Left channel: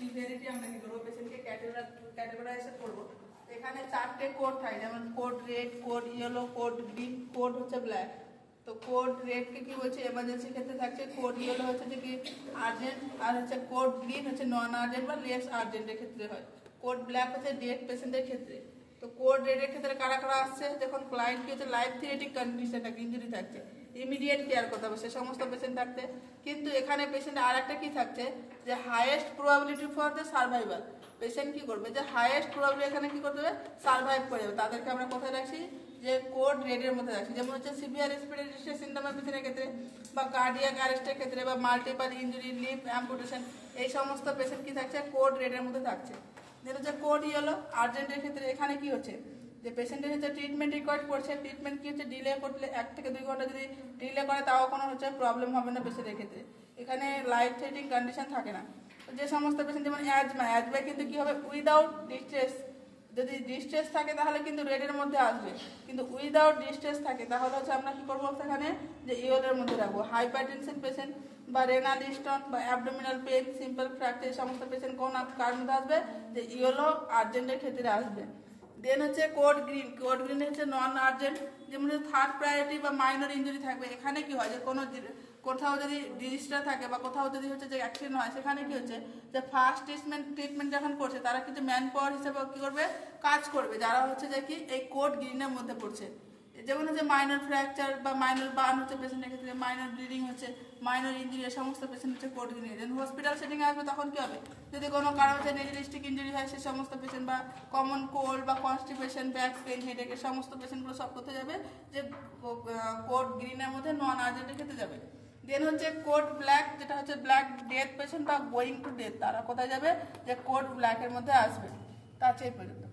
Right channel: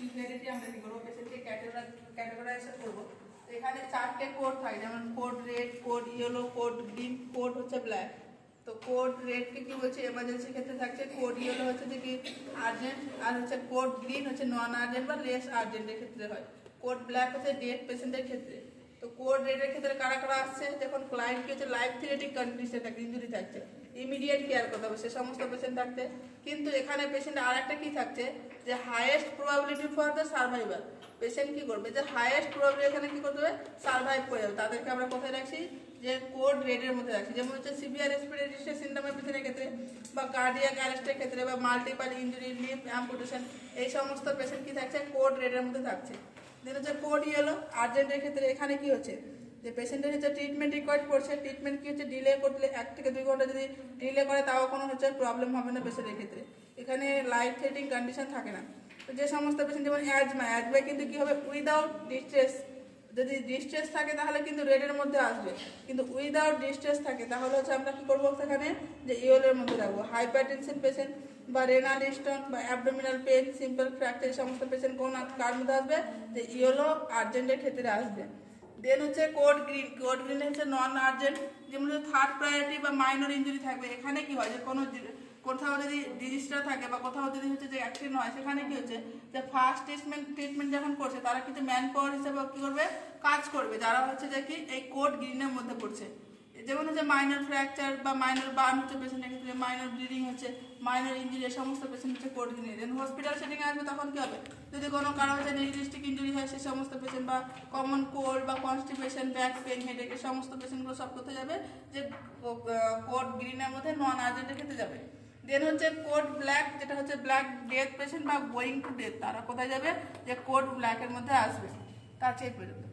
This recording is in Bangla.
সিভিয়ারিটি আমরা কি করবো, পেশেন্টকে ক্যাটেগরাইজেশন করবো। এখানে 4টে কোড থাকে, যেমন code red, code yellow, code green, code হচ্ছে ব্ল্যাক। তো কোড রেডকে কি বলছে এমার্জেন্সি ক্ষেত্রে থাকছে, কোড ইয়েলো হচ্ছে যে কি আর্জেন্ট, আর হচ্ছে কোড গ্রিন হচ্ছে নন আর্জেন্ট বা লেস আর্জেন্টের ক্ষেত্রে হয়, কোড ব্ল্যাক হচ্ছে ডেড পেশেন্টের ক্ষেত্রে। তো কোড রেডের ক্ষেত্রে কারা কারা আসছে, যখন ক্লায়েন্ট কি হচ্ছে লাইফ থ্রেটিং কন্ডিশন থাকে, ইনজুরি থাকছে, ইমিডিয়েট কেয়ার করতে হবে সে সমস্ত পেশেন্ট থাকতে। কিন্তু এখানে পেশেন্ট আর একটা কি থাকছে, যে highest probability for the survival, patient কি করবে, যে হাইয়েস্ট প্রবাবিলিটি এখানে কি করতে হবে, সার্ভাইভ করে যাবে, তাদেরকে আমরা কোথায় রাখছি, যে কোড রেডের মধ্যে রাখছি। যেমন হচ্ছে সিভিয়ার রেসপিরেটরি ডিস্ট্রেস সিনড্রোমের পেশেন্টের ক্ষেত্রে, বা কার্ডিয়াক অ্যারেস্টের ক্ষেত্রে, বা মাল্টিপল ইনজুরি, লিভ অ্যাম্পুটেশন, এই সমস্ত পেশেন্ট কি থাকছে, কোড রেডের মধ্যে থাকছে। যেটা হচ্ছে কোড ইয়েলো আর্জেন্টের ক্ষেত্রে, এখানে কি হচ্ছে, যে পেশেন্টের হচ্ছে ট্রিটমেন্ট রিকোয়ার্ড করছে, ট্রিটমেন্ট কি হচ্ছে ডিলে করলে 1 থেকে 2 ঘন্টা যদি ডিলে করে তাও কোনো হচ্ছে প্রবলেম হবে না পেশেন্টের ক্ষেত্রে, এখানে লাইফ থ্রেটিং কন্ডিশন থাকে না। তো যে সমস্ত পেশেন্ট যেমন অ্যাজমা কিন্তু কি হবে উইদাউট ডিস্ট্রেস, যদি ডিস্ট্রেস থাকে তাহলে কিন্তু রেডের মধ্যে আসবে, কিন্তু উইদাউট ডিস্ট্রেস থাকে তাহলে হচ্ছে আমরা কি করবো সেখানে, যে ইয়েলোর মধ্যে রাখবো। হাইপারটেনশন পেশেন্ট বা রেনাল স্টোন বা অ্যাবডোমিনাল পেন, সিম্পল ফ্র্যাকচার, সমস্ত পেশেন্ট কোন কার মধ্যে আসবে, যে ইয়েলো আর্জেন্টের ক্ষেত্রে আসবে। দেন হচ্ছে কোড গ্রিন হচ্ছে নন আর্জেন্ট, যেমন থার্ড প্রায়োরিটি বা মাইনর ইনজুরি থাকবে। এখানে কি হয়, যে কোনো কোথাও যদি ডিজিজটা থাকে বা কোথাও যদি হচ্ছে যে অ্যাক্সিডেন্ট হয়, সেখানে কি হচ্ছে, যে ফার্স্ট ট্রিটমেন্ট যখন করছে তারা কিছু ম্যান পাওয়ার হিসেবে কি করবে, কাজ করবে, যারা হচ্ছে যে কি এই কোড গ্রিনের মধ্যে পড়ছে। যেমন হচ্ছে মাইনর ফ্র্যাকচার বা মাইনর বার্ন হচ্ছে পেশেন্টের ক্ষেত্রে, মাইনর ব্লিডিং হচ্ছে, মাইনর ইঞ্জুরি, সমস্ত পেশেন্ট হচ্ছে কোড গ্রিনে। দেন হসপিটাল সেটিং আসবে, তখন কি হবে, যদি কোনো কারণে হচ্ছে রিলিস্টিক ইঞ্জুরি হয়, সে সমস্ত পেশেন্ট বা কমন কোল্ড বা কনস্টিপেশন, ব্যাক পেইন, হেডেক, এই সমস্ত পেশেন্টগুলো সব কোথায় যাবে, যে কোড গ্রিনের মধ্যে নন আর্জেন্টের ক্ষেত্রে যাবে। দেন হচ্ছে কোড ব্ল্যাক, যেটা হচ্ছে ব্ল্যাক ডেথ পেশেন্ট বা গোয়িং টু ডেথ, তারা কোথায় যাবে, যে কোড ব্ল্যাকের মধ্যে আসবে। তার চেয়ে পর্যন্ত।